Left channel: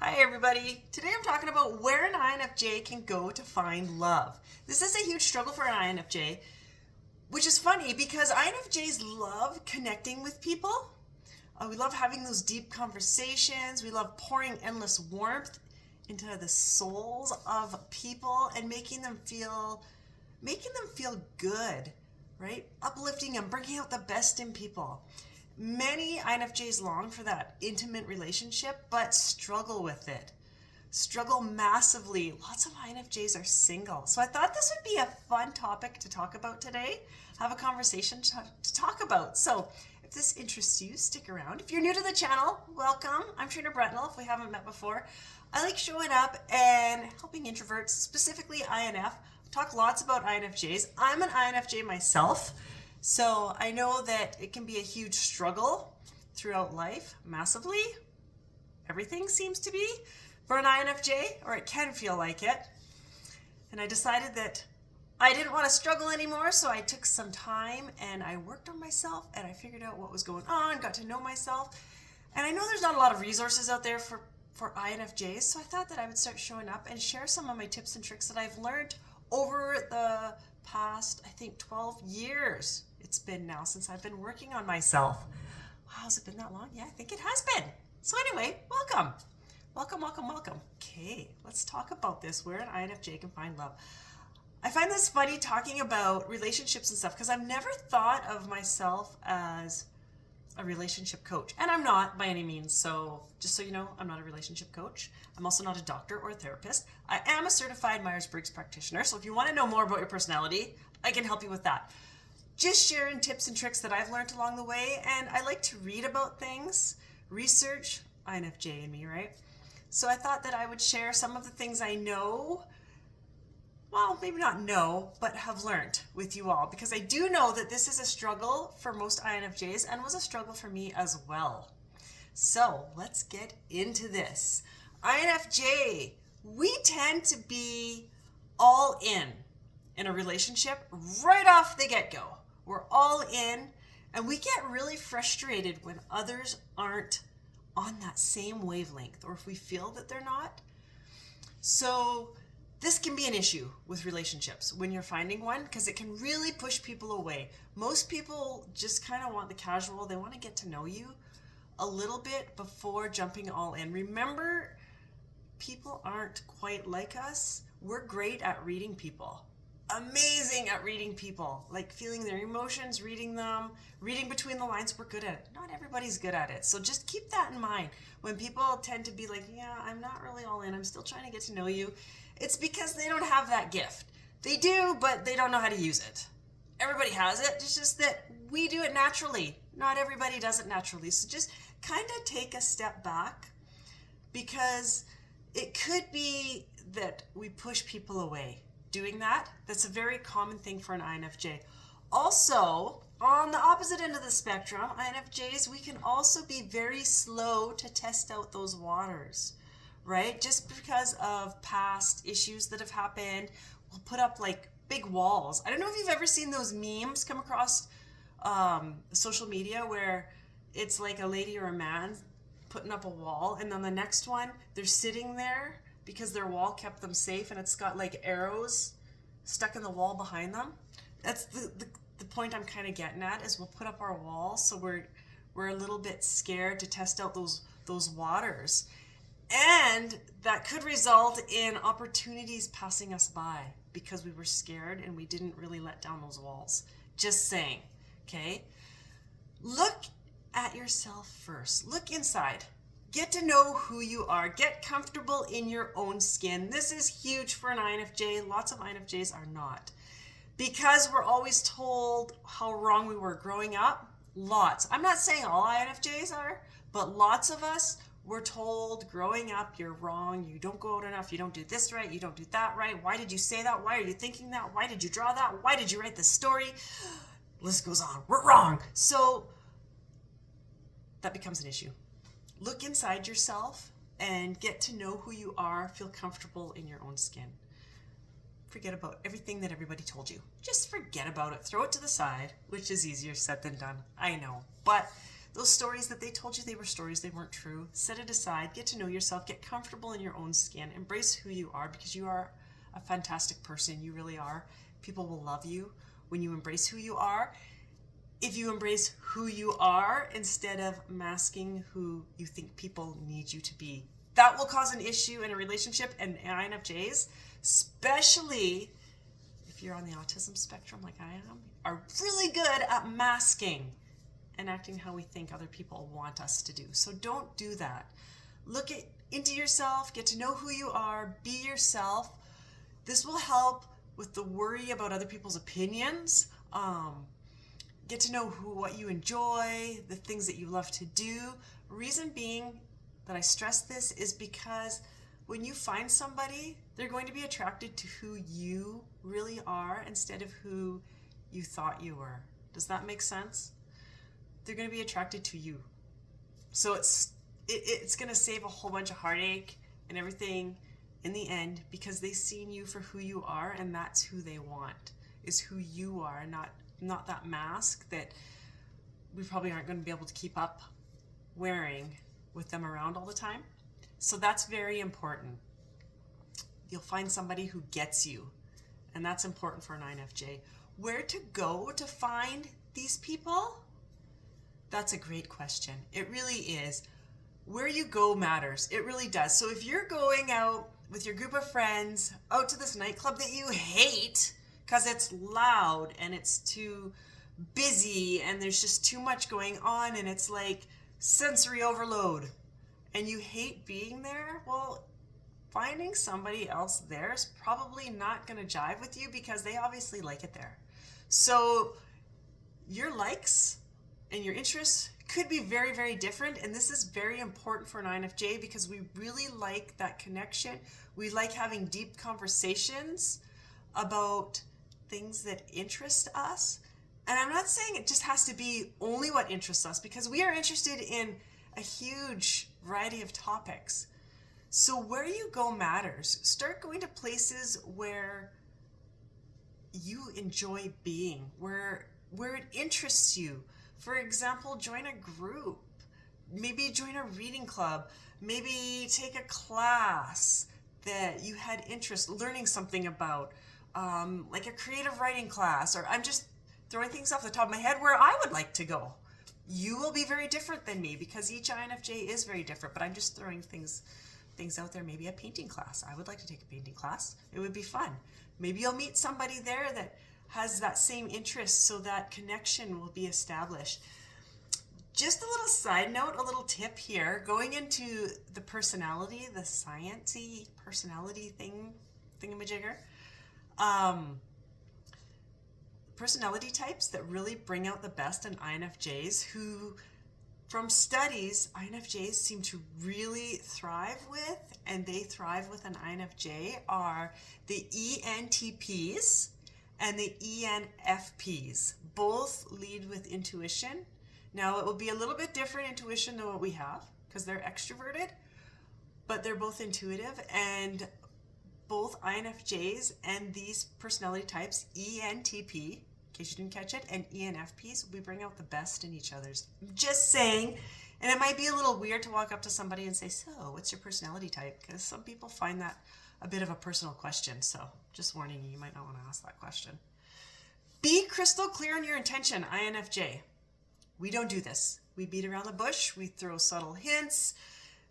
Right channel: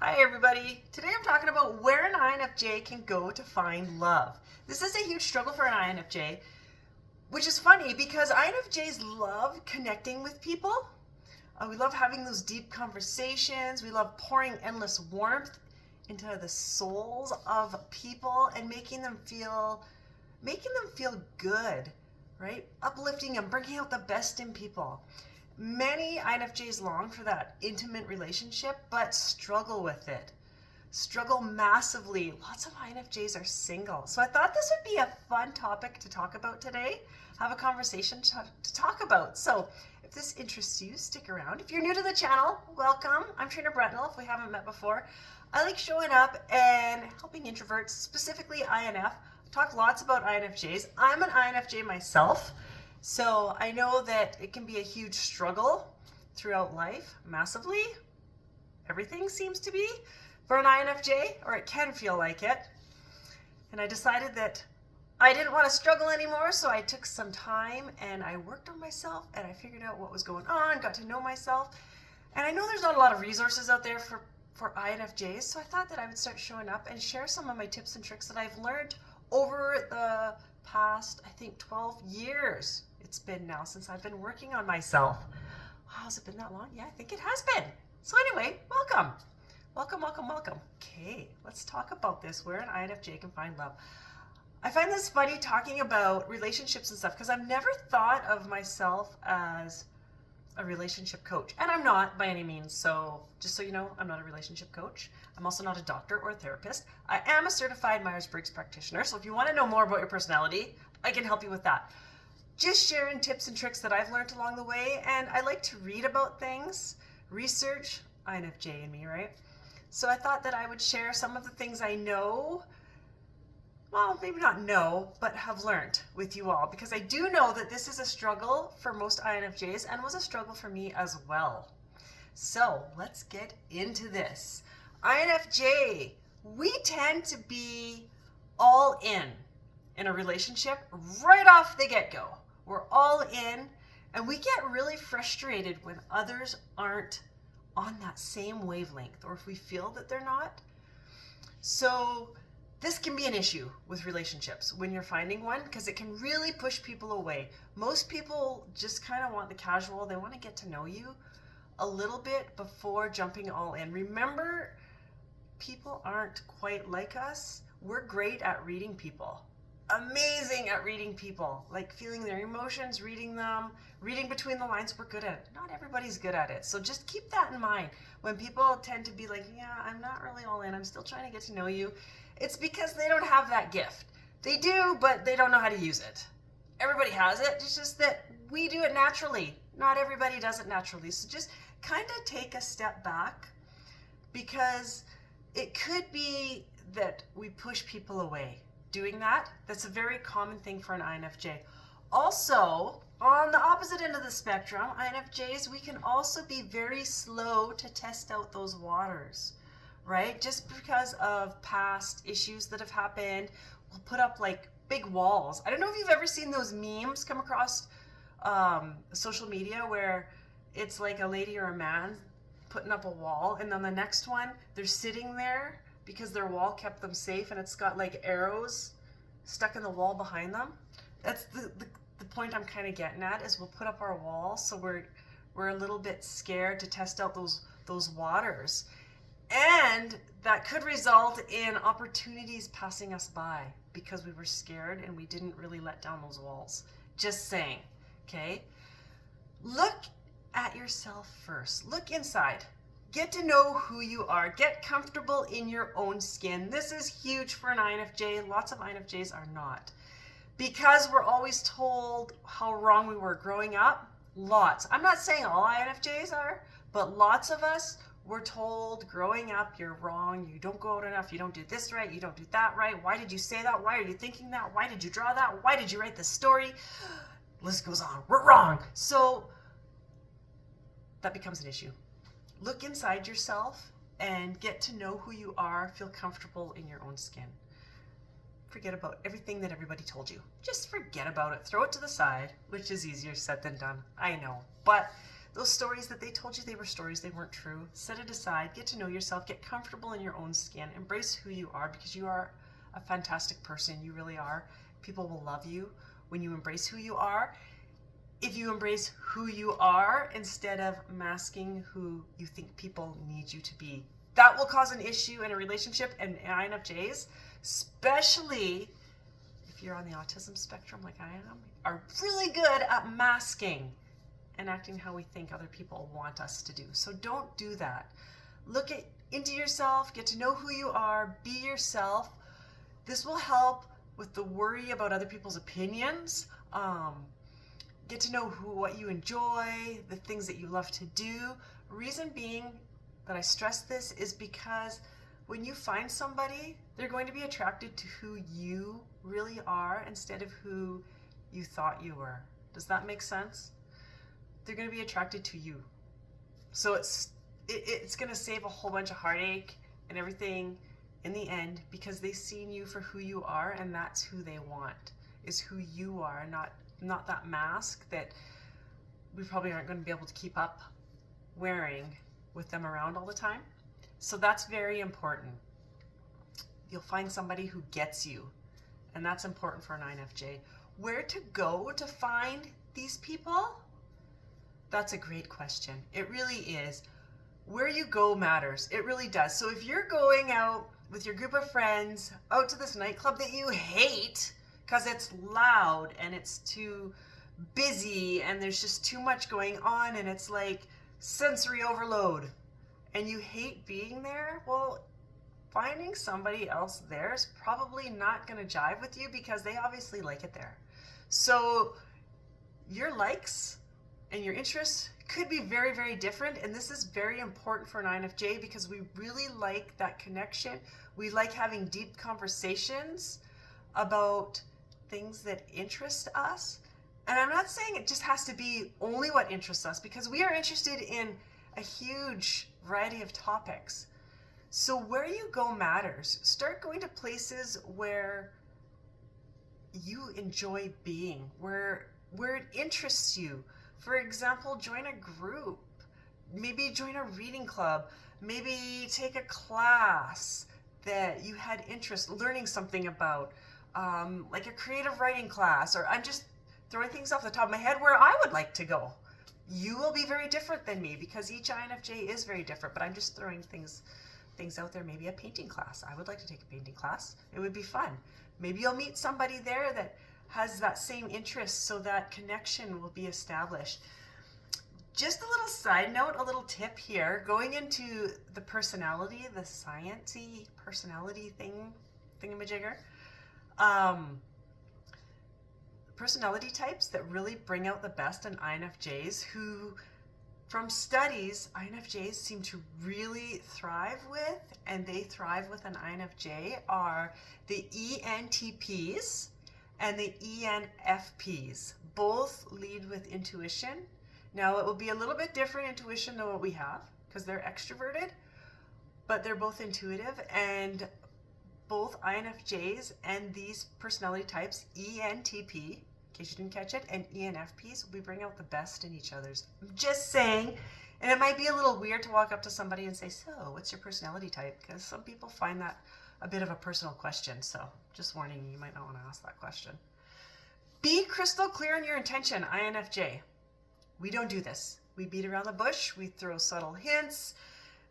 Hi everybody. Today I'm talking about where an INFJ can go to find love. This is a huge struggle for an INFJ, which is funny because INFJs love connecting with people. We love having those deep conversations. We love pouring endless warmth into the souls of people and making them feel good, right? Uplifting them, bringing out the best in people. Many INFJs long for that intimate relationship, but struggle with it. Struggle massively. Lots of INFJs are single. So I thought this would be a fun topic to talk about today, have a conversation to talk about. So if this interests you, stick around. If you're new to the channel, welcome. I'm Trainer Bretnell, if we haven't met before. I like showing up and helping introverts, specifically INF. Talk lots about INFJs. I'm an INFJ myself. So I know that it can be a huge struggle throughout life, massively. Everything seems to be for an INFJ, or it can feel like it. And I decided that I didn't want to struggle anymore, so I took some time and I worked on myself and I figured out what was going on, got to know myself. And I know there's not a lot of resources out there for INFJs, so I thought that I would start showing up and share some of my tips and tricks that I've learned over the past, I think, 12 years. It's been now since I've been working on myself. Wow, has it been that long? Yeah, I think it has been. So anyway, welcome. Welcome. Okay, let's talk about this, where an INFJ can find love. I find this funny talking about relationships and stuff because I've never thought of myself as a relationship coach. And I'm not by any means. So just so you know, I'm not a relationship coach. I'm also not a doctor or a therapist. I am a certified Myers-Briggs practitioner. So if you want to know more about your personality, I can help you with that. Just sharing tips and tricks that I've learned along the way. And I like to read about things, research, INFJ in me, right? So I thought that I would share some of the things I know, well, maybe not know, but have learned with you all, because I do know that this is a struggle for most INFJs and was a struggle for me as well. So let's get into this. INFJ, we tend to be all in a relationship right off the get-go. We're all in, and we get really frustrated when others aren't on that same wavelength, or if we feel that they're not. So this can be an issue with relationships when you're finding one, because it can really push people away. Most people just kind of want the casual. They want to get to know you a little bit before jumping all in. Remember, people aren't quite like us. We're great at reading people. Amazing at reading people, like feeling their emotions, reading them, reading between the lines. We're good at it. Not everybody's good at it. So just keep that in mind. When people tend to be like, yeah, I'm not really all in, I'm still trying to get to know you, it's because they don't have that gift. They do, but they don't know how to use it. Everybody has it. It's just that we do it naturally. Not everybody does it naturally. So just kind of take a step back, because it could be that we push people away doing that. That's a very common thing for an INFJ. Also, on the opposite end of the spectrum, INFJs, we can also be very slow to test out those waters, right? Just because of past issues that have happened, we'll put up like big walls. I don't know if you've ever seen those memes come across social media where it's like a lady or a man putting up a wall, and then the next one, they're sitting there because their wall kept them safe, and it's got like arrows stuck in the wall behind them. That's the point I'm kind of getting at, is we'll put up our walls so we're a little bit scared to test out those waters. And that could result in opportunities passing us by because we were scared and we didn't really let down those walls. Just saying, okay? Look at yourself first. Look inside. Get to know who you are. Get comfortable in your own skin. This is huge for an INFJ. Lots of INFJs are not. Because we're always told how wrong we were growing up. Lots. I'm not saying all INFJs are, but lots of us were told growing up, you're wrong, you don't go out enough, you don't do this right, you don't do that right. Why did you say that? Why are you thinking that? Why did you draw that? Why did you write this story? List goes on. We're wrong. So that becomes an issue. Look inside yourself and get to know who you are. Feel comfortable in your own skin. Forget about everything that everybody told you. Just forget about it. Throw it to the side, which is easier said than done. I know. But Those stories that they told you they were stories, they weren't true. Set it aside, get to know yourself, get comfortable in your own skin, embrace who you are because you are a fantastic person. You really are. People will love you when you embrace who you are. If you embrace who you are instead of masking who you think people need you to be, that will cause an issue in a relationship. And INFJs, especially if you're on the autism spectrum like I am, are really good at masking and acting how we think other people want us to do. So don't do that. Look into yourself, get to know who you are, be yourself. This will help with the worry about other people's opinions. Get to know what you enjoy, the things that you love to do. Reason being that I stress this is because when you find somebody, they're going to be attracted to who you really are instead of who you thought you were. Does that make sense? They're going to be attracted to you. So it's going to save a whole bunch of heartache and everything in the end because they've seen you for who you are, and that's who they want, is who you are, not that mask that we probably aren't going to be able to keep up wearing with them around all the time. So that's very important. You'll find somebody who gets you, and that's important for an INFJ. Where to go to find these people? That's a great question. It really is. Where you go matters. It really does. So if you're going out with your group of friends out to this nightclub that you hate because it's loud and it's too busy and there's just too much going on and it's like sensory overload and you hate being there, well, finding somebody else there is probably not going to jive with you because they obviously like it there. So your likes and your interests could be very, very different, and this is very important for an INFJ because we really like that connection. We like having deep conversations about things that interest us. And I'm not saying it just has to be only what interests us because we are interested in a huge variety of topics. So where you go matters. Start going to places where you enjoy being, where it interests you. For example, join a group, maybe join a reading club, maybe take a class that you had interest learning something about, like a creative writing class, or I'm just throwing things off the top of my head where I would like to go. You will be very different than me because each INFJ is very different, but I'm just throwing things out there. Maybe a painting class. I would like to take a painting class. It would be fun. Maybe you'll meet somebody there that has that same interest, so that connection will be established. Just a little side note, a little tip here, going into the personality, the sciencey personality thingamajigger. Personality types that really bring out the best in INFJs, who from studies, INFJs seem to really thrive with, and they thrive with an INFJ, are the ENTPs and the ENFPs. Both lead with intuition. Now, it will be a little bit different intuition than what we have because they're extroverted, but they're both intuitive, and both INFJs and these personality types, ENTP, in case you didn't catch it, and ENFPs, we bring out the best in each other's. I'm just saying, and it might be a little weird to walk up to somebody and say, so, what's your personality type? Because some people find that a bit of a personal question, so just warning you, you might not want to ask that question. Be crystal clear in your intention, INFJ. We don't do this. We beat around the bush, we throw subtle hints,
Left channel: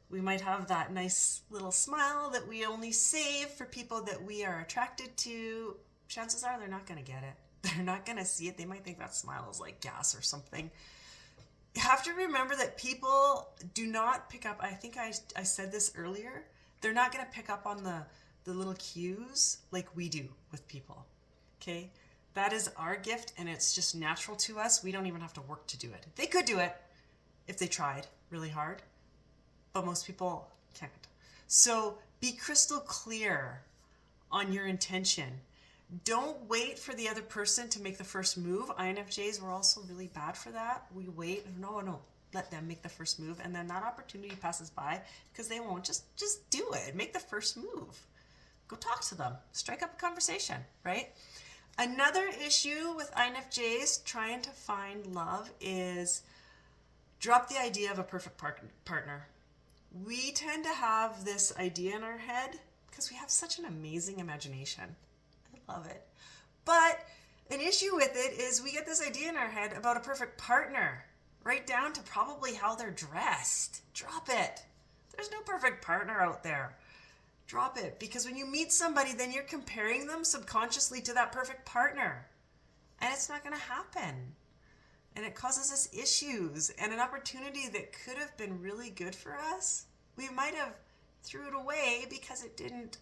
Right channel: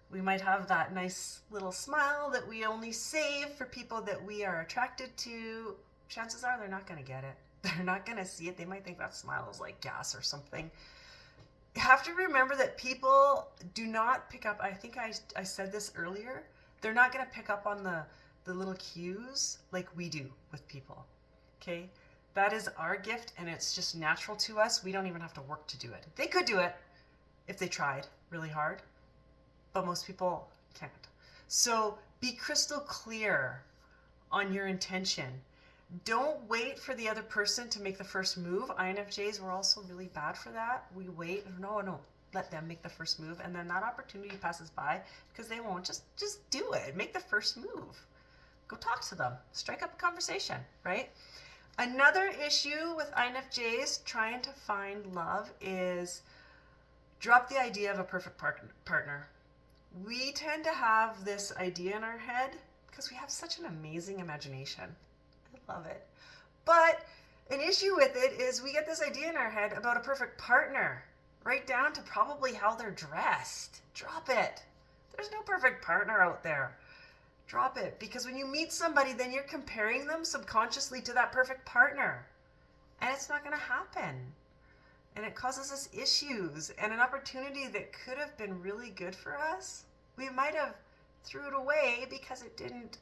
we might have that nice little smile that we only save for people that we are attracted to. Chances are they're not going to get it. They're not going to see it. They might think that smile is like gas or something. You have to remember that people do not pick up, I think I said this earlier, they're not going to pick up on the little cues like we do with people, okay? That is our gift, and it's just natural to us. We don't even have to work to do it. They could do it if they tried really hard, but most people can't. So be crystal clear on your intention. Don't wait for the other person to make the first move. INFJs, we're also really bad for that. We wait, no, let them make the first move, and then that opportunity passes by because they won't. Just do it. Make the first move. Go talk to them. Strike up a conversation, right? Another issue with INFJs trying to find love is Drop the idea of a perfect partner. We tend to have this idea in our head because we have such an amazing imagination. I love it. But an issue with it is we get this idea in our head about a perfect partner, right down to probably how they're dressed. Drop it. There's no perfect partner out there. Drop it. Because when you meet somebody, then you're comparing them subconsciously to that perfect partner. And it's not going to happen. And it causes us issues and an opportunity that could have been really good for us. We might have threw it away because it didn't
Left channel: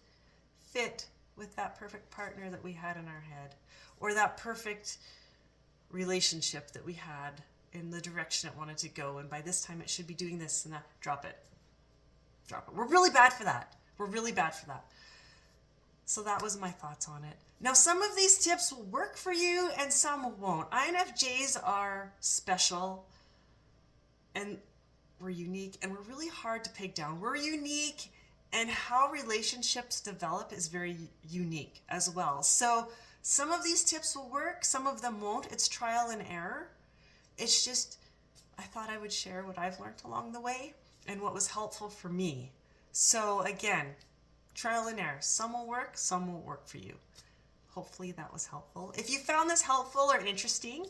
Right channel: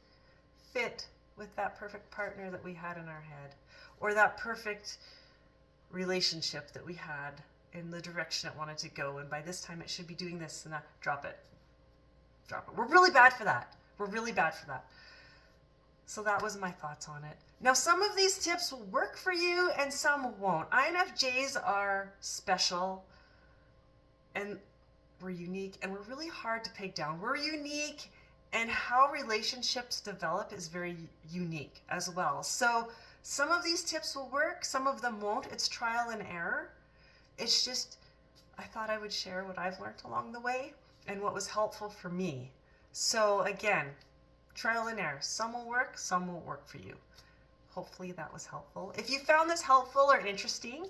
fit with that perfect partner that we had in our head, or that perfect relationship that we had in the direction it wanted to go. And by this time it should be doing this and that. Drop it. Drop it. We're really bad for that. We're really bad for that. So that was my thoughts on it. Now, some of these tips will work for you and some won't. INFJs are special and we're unique and we're really hard to peg down. We're unique, and how relationships develop is very unique as well. So some of these tips will work, some of them won't. It's trial and error. It's just, I thought I would share what I've learned along the way and what was helpful for me. So again, trial and error. Some will work, some won't work for you. Hopefully that was helpful. If you found this helpful or interesting,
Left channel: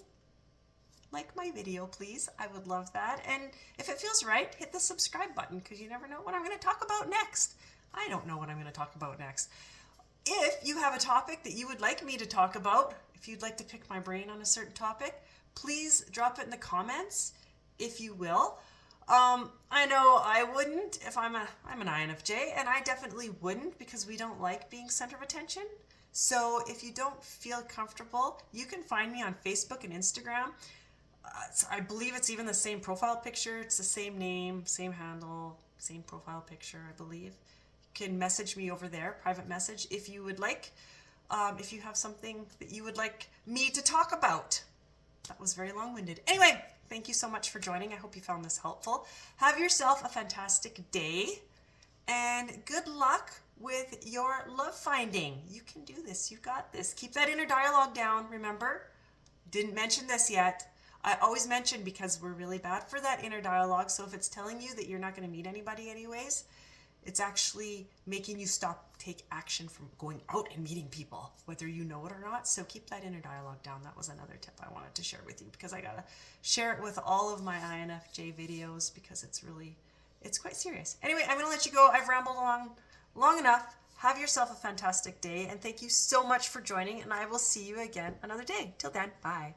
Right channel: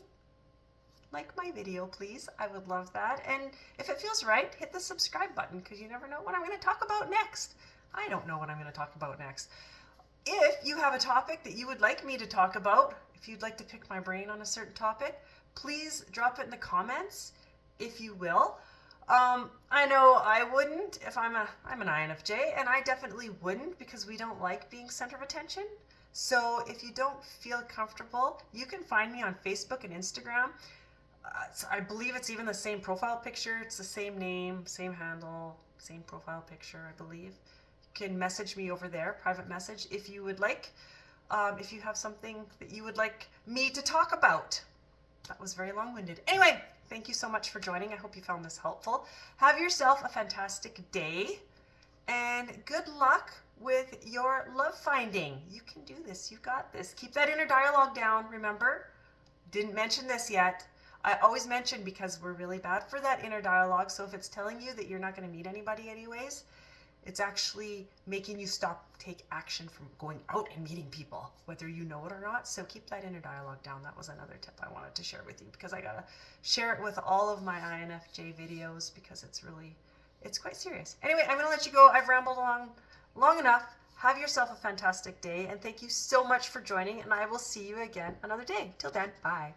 like my video, please. I would love that. And if it feels right, hit the subscribe button, because you never know what I'm going to talk about next. I don't know what I'm going to talk about next. If you have a topic that you would like me to talk about, if you'd like to pick my brain on a certain topic, please drop it in the comments, if you will. I know I wouldn't if I'm an INFJ, and I definitely wouldn't because we don't like being center of attention. So if you don't feel comfortable, you can find me on Facebook and Instagram. I believe it's even the same profile picture. It's the same name, same handle, same profile picture, I believe. You can message me over there, private message, if you would like. If you have something that you would like me to talk about. That was very long-winded. Anyway, thank you so much for joining. I hope you found this helpful. Have yourself a fantastic day, and good luck with your love finding. You can do this. You got this. Keep that inner dialogue down, remember? Didn't mention this yet. I always mention, because we're really bad for that inner dialogue. So if it's telling you that you're not going to meet anybody anyways, it's actually making you take action from going out and meeting people, whether you know it or not. So keep that inner dialogue down. That was another tip I wanted to share with you, because I got to share it with all of my INFJ videos, because it's quite serious. Anyway, I'm going to let you go. I've rambled on long enough. Have yourself a fantastic day, and thank you so much for joining, and I will see you again another day. Till then, bye.